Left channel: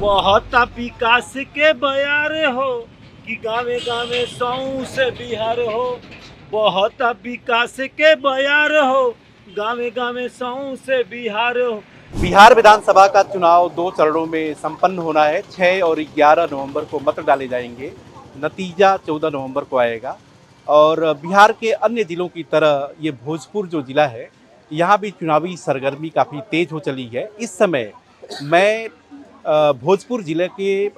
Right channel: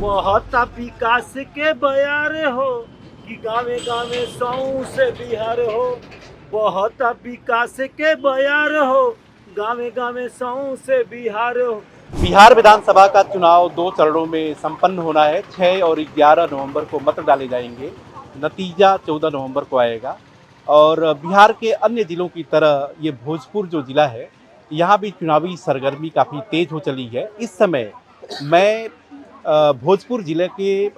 बहुत विकास के बयार हो कि गावे गावे सौ से बिहार हो। बहुत विकास के बयार हो गावे गावे सौ से बिहार हो। बिहार विधानसभा का चुनाव 2 चरणों में संपन्न होना है। 6 और 11 नवंबर को मत डाले जाएंगे। नतीजा 14 नवंबर को आएगा। और बिहार के अन्य जिलों की तरह ये भोजपुर जो जिला है, यहाँ भी चुनावी सरगर्मी काफ़ी तेज हो चली है। इस समय मैं भोजपुर जिले के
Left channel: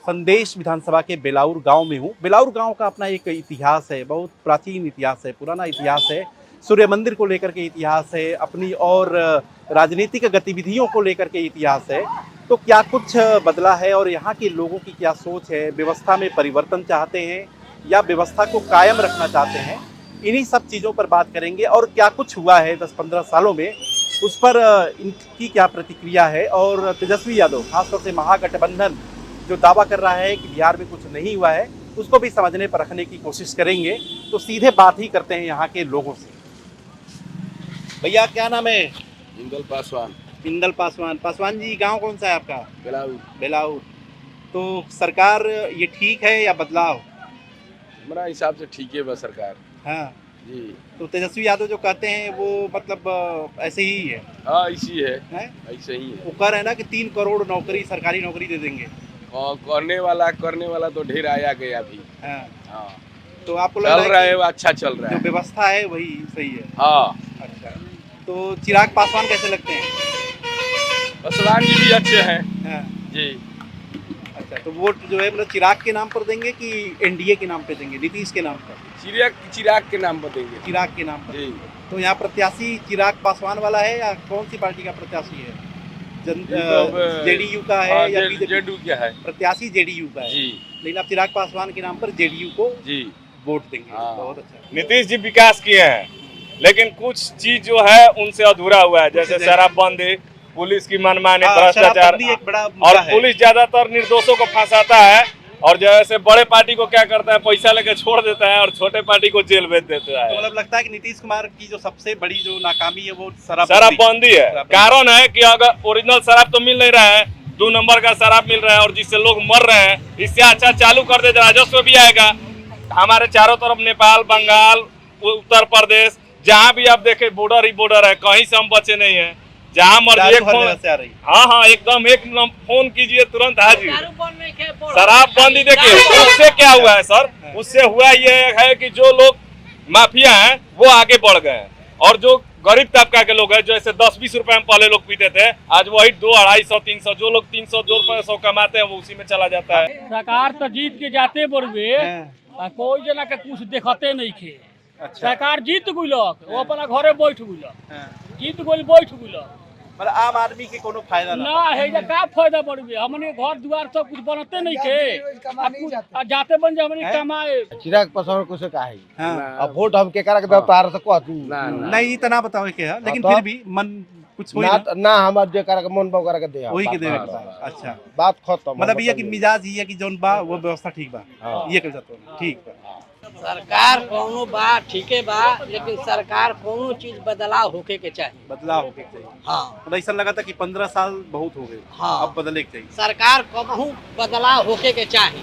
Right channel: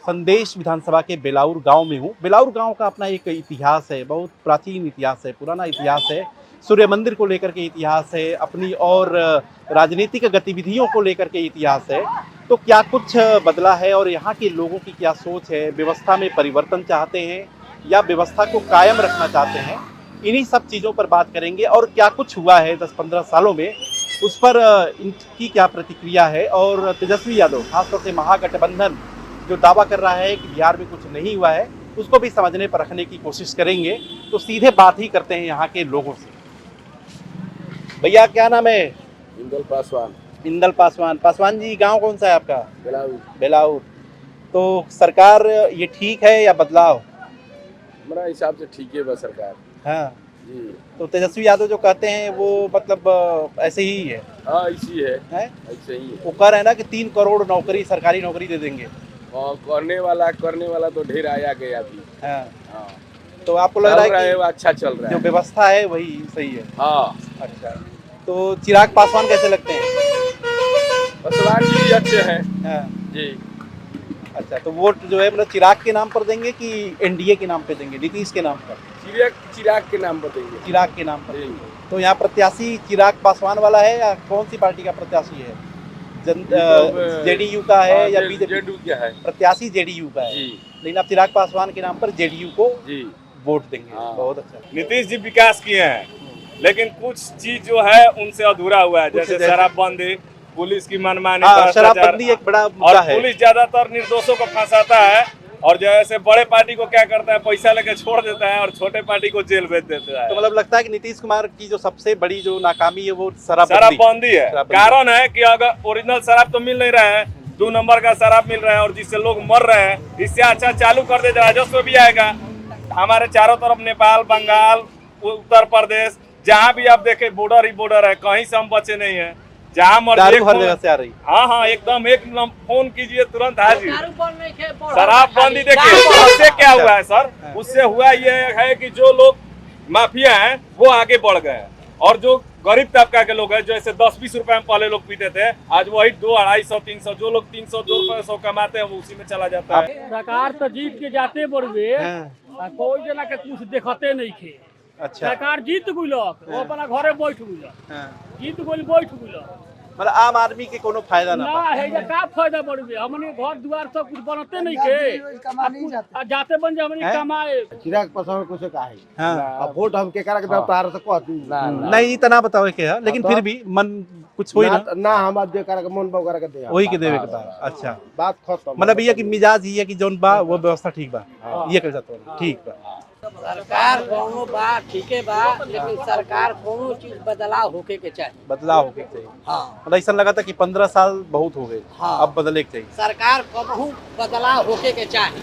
संदेश विधानसभा के बेलाउर गांव में हूँ। बेलाउर गांव का अपना एक इतिहास है, बहुत प्राचीन इतिहास है, पुराना इतिहास है। सूर्य मंदिर को लेकर के इतिहास है, अपनी और राजनीतिक गतिविधियों को लेकर के इतिहास है। तो क्या कुछ बदला है और यहाँ के लोगों की क्या सोच है? व्यवस्था में परिवर्तन चाहते हैं या व्यवस्था को कायम रखना चाहते हैं? इन्हीं सब चीज़ों पर बात करेंगे। और क्या कुछ हुआ है 10-15 सालों में, उस पर इनकी क्या प्रतिक्रिया है। और तेजस्वी यादव, खासतौर से महागठबंधन जो दावा कर रहा है कि बिहार में कुछ नहीं हुआ है, उसको भी समझने पर रखने की कोशिश करेंगे। तो सीधे बात ही करते हैं यहाँ के लोगों से। भैया क्या नाम है? इंदल पासवान। इंदल पासवान। पासवान जी, गांव कौन सा है आपका? बेलाऊ। बेलाउर। तो सरकार ये ठीक है या बदलाव? हमारा हिसाब से ठीक है बस सरकार। हाँ जी। तो तेजस्वी यादव जो कहते हैं वो मतलब ऐसे ही है? हाँ ऐसी है, ऐसे ही है। वो कह रहे हैं ना कि 3 करोड़ नौकरी, सरकारी नौकरी दे देंगे। और करने वाला तो ढेर आया गया भी। हाँ। हाँ। तो आपको लग रहा है कि अच्छा चल रहा जो है, व्यवस्था है वही सही है? हाँ। अच्छा, तो चिराग पासवान कैसे लगते हैं? पासवान जी भी अच्छे हैं। हाँ जी। अच्छा, तो वोट जो है मतलब चिराग के नाम पर देंगे कि एनडीए के नाम पे देंगे, नीतीश के नाम पर? चिराग के नाम बताएंगे। चिराग के नाम पर। जी। तो यहाँ प्रत्याशी चिराग पासवान वाला है या कौन सी पार्टी का प्रत्याशी है? जेडीयू का है या बीजेपी? जेडीयू का है। प्रत्याशी जेडीयू का है। जी। लेकिन आप चिराग पासवान के नाम पर जेडीयू को जी वोट देंगे। हाँ। बहुत अच्छा। नीतीश जी विकास किए हैं, लेकिन कुछ चीज जो है उनसे अधूरा हुआ है, जैसे शराबबंदी, पुलिस की मनमानी, भ्रष्टाचार। शराबबंदी एक बड़ा और मुद्दा है। पुलिस ज्यादातर निर्दोषों को फंसाता है, और जैसे बड़े पार्टी को क्या करता है, पैसा लेके छोड़ देता है और छोटे पार्टी को जेल भेज देता है। तो मतलब लगता है कि नीतीश कुमार की जो सबसे बड़ी जो नाकामी है वो शराबबंदी है। कारण है कि अगर ओरिजिनल शराब तो मिल नहीं रहा है, 2 नंबर का शराब मिल रहा है, और जिससे लोग मर रहे हैं। इससे अच्छा चालू कर दे, राजस्व भी आएगा। हमारे चारों तरफ नेपाल, बंगाल, उत्तर प्रदेश, जहाँ भी आप देखे बॉर्डर ही बॉर्डर है, कहीं से हम बचे नहीं है। जहाँ मर्जी हर जगह से आ रही। हाँ एकदम, एक फोन कीजिए तुरंत हाजिर। शराबबंदी देखिए उससे क्या हुआ है सर, उससे हुआ ये है कि जो लोग माफिया हैं वो आगे बढ़ गए हैं, और जो गरीब तबका के लोग हैं, जैसे 10-20 रुपए में पहले लोग पीते थे, आज वही 200-250-300, जो लोग 300-200 कमाते हैं वो उसी में चला जाता है। सरकार तो जीत के जाते बड़े, कोई जना के कुछ देखते नहीं थे। अच्छा। सरकार जीत गुलक, वो अपना घरे बैठ गुलक, जीत गुल बैठ गुलक। मतलब आम आदमी के कोनो फायदा ना है ना, का फायदा बड़े, हमने घर द्वार सब कुछ बनते नहीं थे, जाते बन जा हमने कमाए। चिराग पासवान को से काहे? हाँ। अब वोट हम के करा के दब तार से को नहीं तना बताओ के है, लेकिन फिर भी मन कुछ हुई ना हम जे करा के मन बा करा के दे वही के देवे के बा। अच्छा, बात खत्म। मतलब ये कि मिजाज ये कि जौन बा वो व्यवस्था ठीक बा, ये कर जाते हैं ठीक बा। सरकार कोनो बा ठीके बा, लेकिन सरकार कोनो चीज बदलाव होके के चाहिए। बदलाव होके चाहिए। हाँ। मतलब ऐसा लगा था कि 15 साल बहुत हो गए। हाँ। अब बदले के चाहिए। सरकार को बदलाव होके के चाहिए।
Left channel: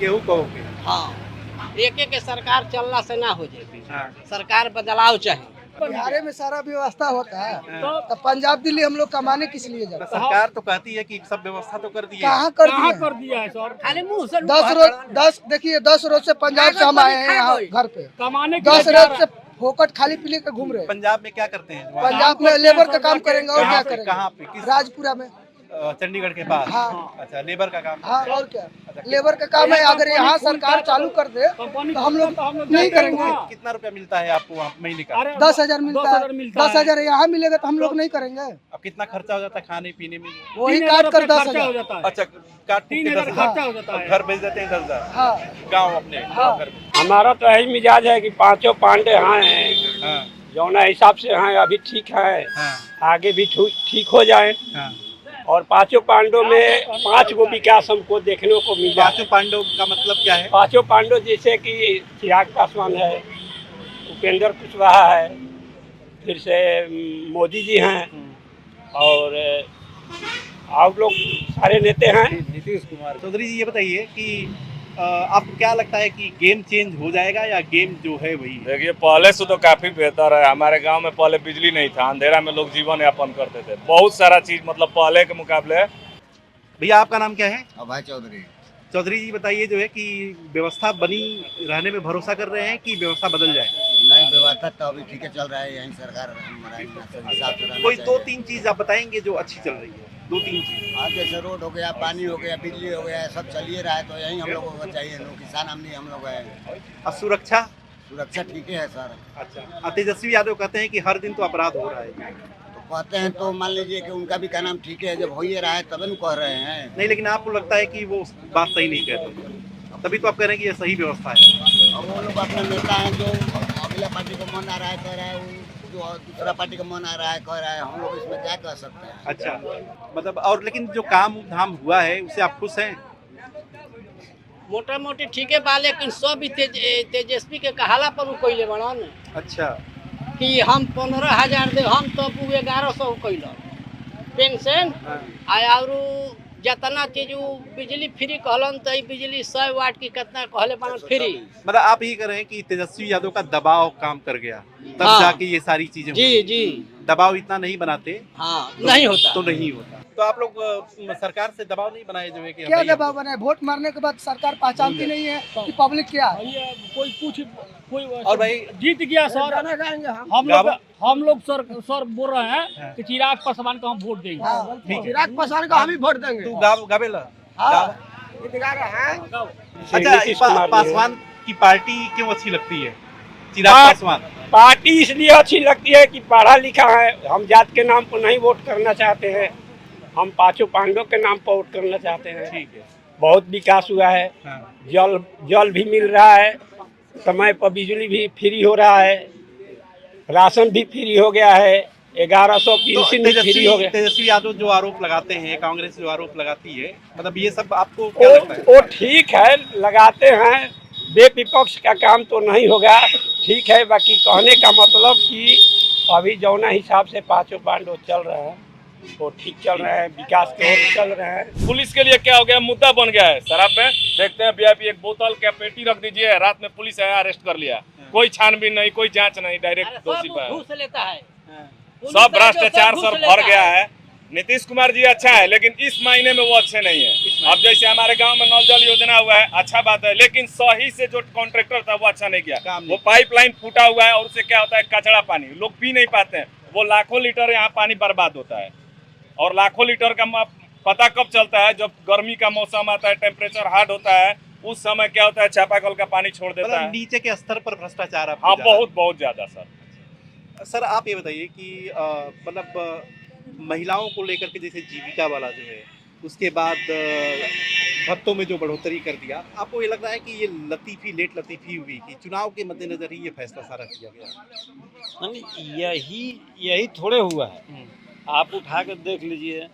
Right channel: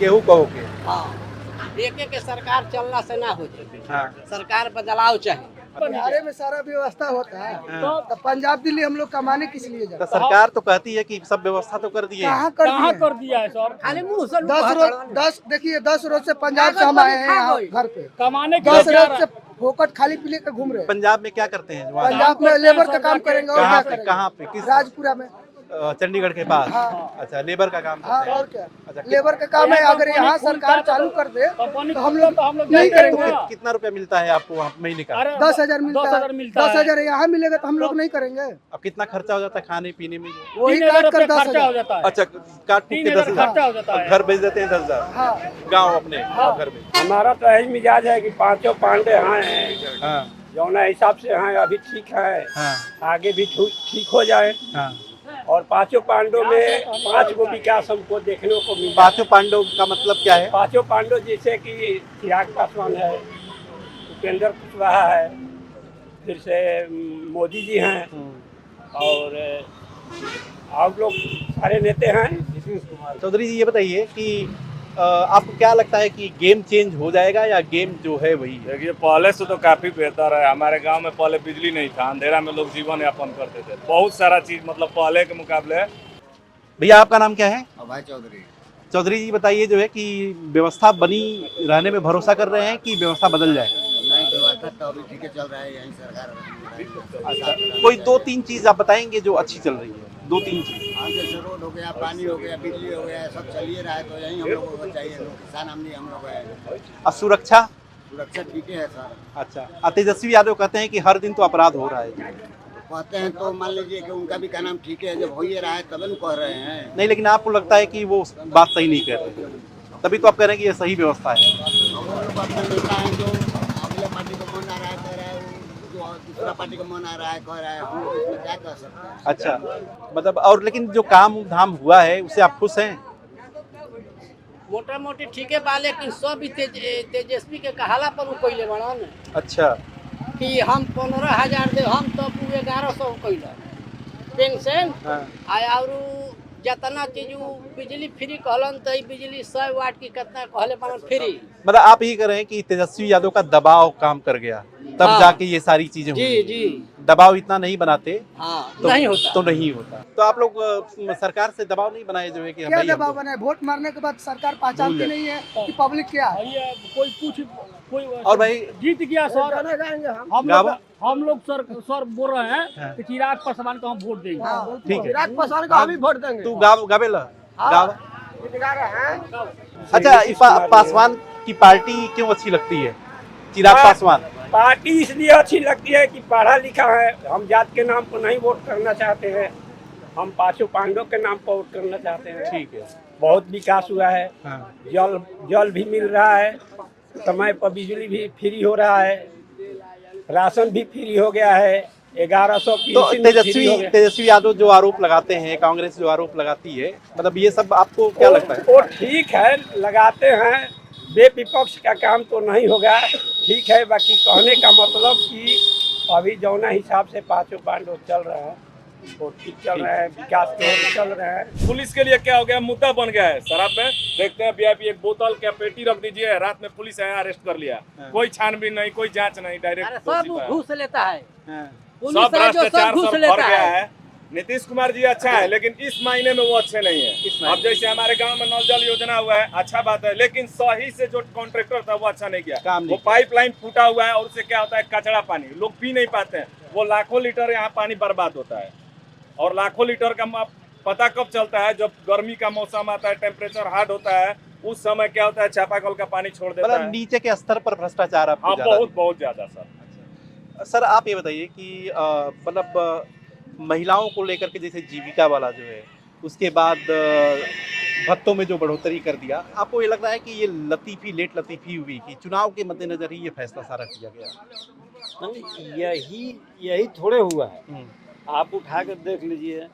केहू कहो के। हाँ। एक के सरकार चलना से ना हो जाए। हाँ। सरकार बदलाव चाहिए। बिहार में सारा व्यवस्था होता है, तो पंजाब दिल्ली हम लोग कमाने किस लिए जाते? तो सरकार तो कहती है कि सब व्यवस्था तो कर दी है। कहाँ कर दिया है सर? खाली मुंह से 10 रोज से पंजाब से हम आए हैं घर पे, कमाने के 10 रोज से फोकट खाली पीले के घूम रहे हैं। पंजाब में क्या करते हैं? पंजाब में लेबर का काम करेंगे और क्या करेंगे? कहाँ पे? किस? राजपुरा में, चंडीगढ़ के पास। हाँ। अच्छा, लेबर का काम। हाँ और क्या, अच्छा, लेबर का काम है। अगर यहाँ सरकार चालू कर दे कंपनी तो हम लोग नहीं करेंगे। कितना रुपया मिलता है आपको वहाँ महीने का? 10,000 मिलता है। 10,000 यहाँ मिलेगा तो हम लोग नहीं करेंगे। अब कितना खर्चा हो जाता है खाने पीने में? वही काट कर खर्चा हो 10,000। जाता है। अच्छा, काट के 3,000 खर्चा हो जाता है। घर भेज देते हैं 10,000। हाँ। गाँव अपने घर में। हमारा तो यही मिजाज है कि पांचों पांडे यहाँ हैं, हाँ। जौना हिसाब से यहाँ अभी ठीक है, हाँ। आगे भी ठीक हो जाए। हाँ। और पांचों पांडों में 5 गो विकास हमको देखने को मिला। पांचों पांडव का मतलब क्या है? पांचों पांडव जैसे कि चिराग पासवान है, उपेंद्र कुशवाहा है, फिर से मोदी जी हैं, और आप लोग सारे नेता हैं। नीतीश कुमार। चौधरी जी ये बताइए कि आपको क्या लगता है कि गेम चेंज हो जाएगा या गेम जो है वही है? देखिए पहले से तो काफी बेहतर है। हमारे गांव में पहले बिजली नहीं था, अंधेरा में लोग जीवन यापन करते थे। बहुत सारा चीज मतलब पहले के मुकाबले। भैया आपका नाम क्या है? अभय चौधरी। चौधरी जी बताइए जो है कि व्यवस्था बनी रहने में भरोसा कर रहे हैं कि व्यवस्था बदल जाए? नहीं, व्यवस्था तो अभी ठीक है चल रहा है, यही सरकार। कोई 2-3 चीज आप बताएंगे जो अच्छी चल रही है, 2-3 चीज। जैसे रोड हो गया, पानी हो गया, बिजली हो गया, सब चल ही रहा है, तो यही हम लोगों को चाहिए। लोग किसान हमने हम लोग है। और सुरक्षा? सुरक्षा ठीक है सर। अच्छा। तेजस्वी यादव कहते हैं कि हर दिन तो अपराध हो रहा है। कहते हैं तो मान लीजिए कि उनका भी का नाम ठीक है, जब हो ही रहा है तब न कह रहे हैं। नहीं, लेकिन आपको लगता है कि वो बात सही नहीं कहते, तभी तो आप कह रहे हैं कि ये सही व्यवस्था है। और बात में मिलता है जो अगला पार्टी को मन आ रहा है कह रहा है, जो दूसरा पार्टी को मन आ रहा है कह रहा है, हम लोग इसमें क्या कह सकते हैं। अच्छा, मतलब और लेकिन जो काम धाम हुआ है उससे आप खुश हैं? मोटा मोटी ठीक है बा, लेकिन सब ही तेजस्वी के कहाला पर कोई ले बना नहीं अच्छा। कि हम 15,000 दे, हम तो 1100 कैल पेंशन और जतना चीज बिजली फ्री कहलन तो बिजली 100 वाट की कितना कहले बनल फ्री। मतलब आप यही कह रहे हैं कि तेजस्वी यादव का दबाव काम कर गया, तब हाँ। जाके ये सारी चीजें जी हुई। जी दबाव इतना नहीं बनाते हाँ तो नहीं होता तो नहीं होता। तो आप लोग सरकार से दबाव नहीं बनाए जो है कि क्या भाई दबाव बने? वोट मारने के बाद सरकार पहचानती नहीं है कि पब्लिक क्या है। ये कोई कुछ कोई और भाई जीत गया सर, हम लोग सर बोल रहे हैं कि चिराग पासवान को हम वोट देंगे। ठीक है, चिराग पासवान को हम ही वोट देंगे। तू गावेला गाव। अच्छा, नीतीश कुमार जी पासवान की पार्टी क्यों अच्छी लगती है? चिराग हाँ। पासवान। पार्टी इसलिए अच्छी लगती है कि पढ़ा लिखा है। हम जात के नाम पर नहीं वोट करना चाहते हैं, हम पांचों पांडव के नाम पर वोट करना चाहते हैं। ठीक है। बहुत विकास हुआ है, जल भी मिल रहा है, समय पर बिजली भी फ्री हो रहा है, राशन भी फ्री हो गया है, 1100 तो पेंशन भी फ्री हो गया। तेजस्वी यादव जो आरोप लगाते हैं, कांग्रेस जो आरोप लगाती है, मतलब ये सब आपको क्या लगता है? वो ठीक है, लगाते हैं, विपक्ष का काम तो नहीं होगा, ठीक है। बाकी कहने का मतलब कि अभी जौना हिसाब से पांचों पांडव चल रहे हैं वो ठीक चल रहे हैं, विकास की ओर चल रहे हैं। पुलिस के लिए क्या हो गया, मुद्दा बन गया है शराब में। देखते हैं वीआईपी एक बोतल क्या पेटी रख दीजिए, रात में पुलिस आया अरेस्ट कर लिया, कोई छानबीन नहीं, कोई जांच नहीं, डायरेक्ट दोषी सब पर घूस लेता है, सब भ्रष्टाचार घूस सब लेता भर गया है। है। नीतीश कुमार जी अच्छा है, लेकिन इस महीने में वो अच्छे नहीं है। अब जैसे हमारे गांव में नल जल योजना हुआ है, अच्छा बात है, लेकिन सही से जो कॉन्ट्रैक्टर था वो अच्छा नहीं किया। वो पाइपलाइन फूटा हुआ है और उससे क्या होता है, कचरा पानी लोग पी नहीं पाते हैं। वो लाखों लीटर यहाँ पानी बर्बाद होता है, और लाखों लीटर का पता कब चलता है, जब गर्मी का मौसम आता है, टेम्परेचर हार्ड होता है, उस समय क्या होता है, चापाकल का पानी छोड़ देता है। नीचे के स्तर पर भ्रष्टाचार हाँ, बहुत ज्यादा सर। सर आप ये बताइए कि मतलब महिलाओं को लेकर के जैसे जीविका वाला जो है, उसके बाद भत्तों में जो बढ़ोतरी कर दिया, आपको ये लगता है कि ये लेट लतीफी हुई कि चुनाव के मद्देनजर ही ये फैसला सारा किया गया? यही थोड़े हुआ है। आप उठा कर देख लीजिए,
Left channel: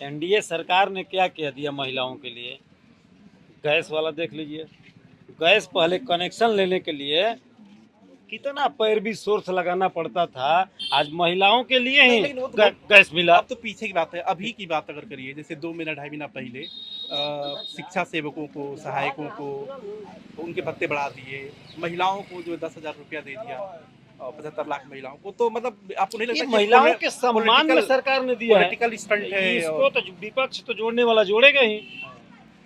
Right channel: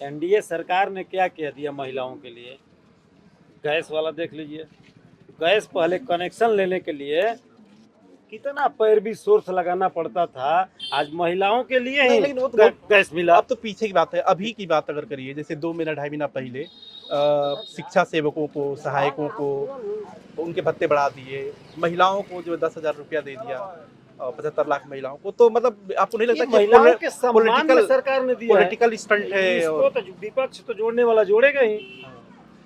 एनडीए सरकार ने क्या कह दिया महिलाओं के लिए। गैस वाला देख लीजिए, गैस पहले कनेक्शन लेने के लिए कितना पैरवी सोर्स लगाना पड़ता था, आज महिलाओं के लिए ही लेकिन वो गैस मिला। अब तो पीछे की बात है, अभी की बात अगर करिए, जैसे 2 महीना 2.5 महीना पहले शिक्षा सेवकों को, सहायकों को उनके भत्ते बढ़ा दिए, महिलाओं को जो 10,000 रुपया दे दिया, 75 लाख महिलाओं को। तो मतलब आपको नहीं लगता कि महिलाओं के सम्मान में सरकार ने दिया है? पॉलिटिकल स्टंट है? इसको तो विपक्ष तो जोड़ने वाला जोड़ेगा ही। ये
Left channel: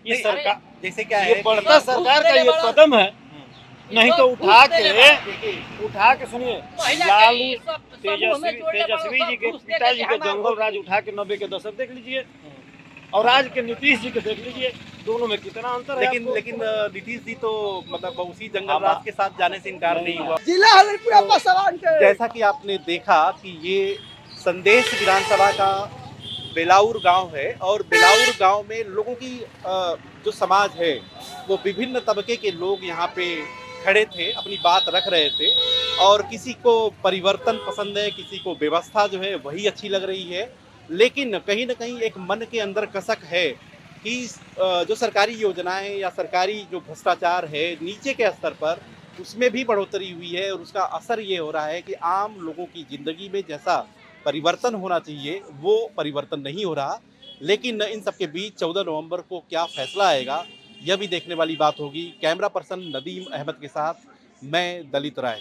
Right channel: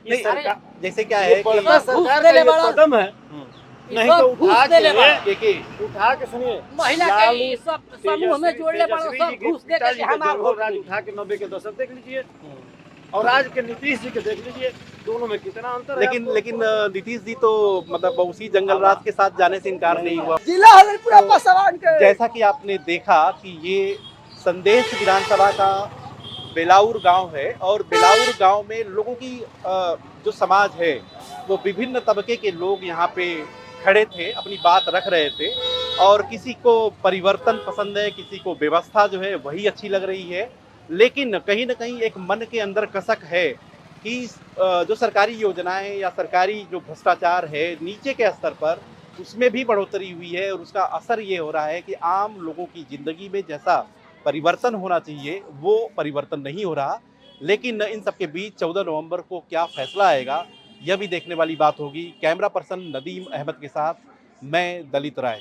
नहीं, सरकार जैसे क्या है कि सरकार का ये कदम है, नहीं तो उठा के सुनिए, तेजस्वी जी के पिताजी का जंगल राज उठा के 90 के दशक देख लीजिए, और आज के नीतीश जी के देख लीजिए, दोनों में कितना अंतर है। लेकिन नीतीश जी तो मतलब उसी जंगल राज के साथ जाने से इनकार नहीं हुआ। जिला हमीरपुर पासवान के। जैसा कि आपने देखा कि ये संदेश विधानसभा का बेलाउर गांव है, और बेलाउर गांव में लोगों की जो समाज है, वो विभिन्न तबके के लोग यहाँ पे खड़े थे, अपनी बात रख रहे थे, और किसी को परिवर्तन पसंद है, किसी को व्यवस्था जो है वही अच्छी लग रही है, लेकिन कहीं ना कहीं एक मन के अंदर कसक है कि जो सरकारी योजनाएं या सरकारी जो भ्रष्टाचार है नीचे के स्तर पर, उसमें भी बढ़ोतरी हुई है, और उसका असर ये हो रहा है कि आम लोगों की ज़िंदगी में जैसा परिवर्तन होना चाहिए वो परिवर्तन नहीं हो रहा। लेकिन इन सबके बीच 14 नवंबर को क्या फैसला आएगा यह भी देखने वाली बात होगी। कैमरा पर्सन नदीम अहमद के साथ मैं दलित राय।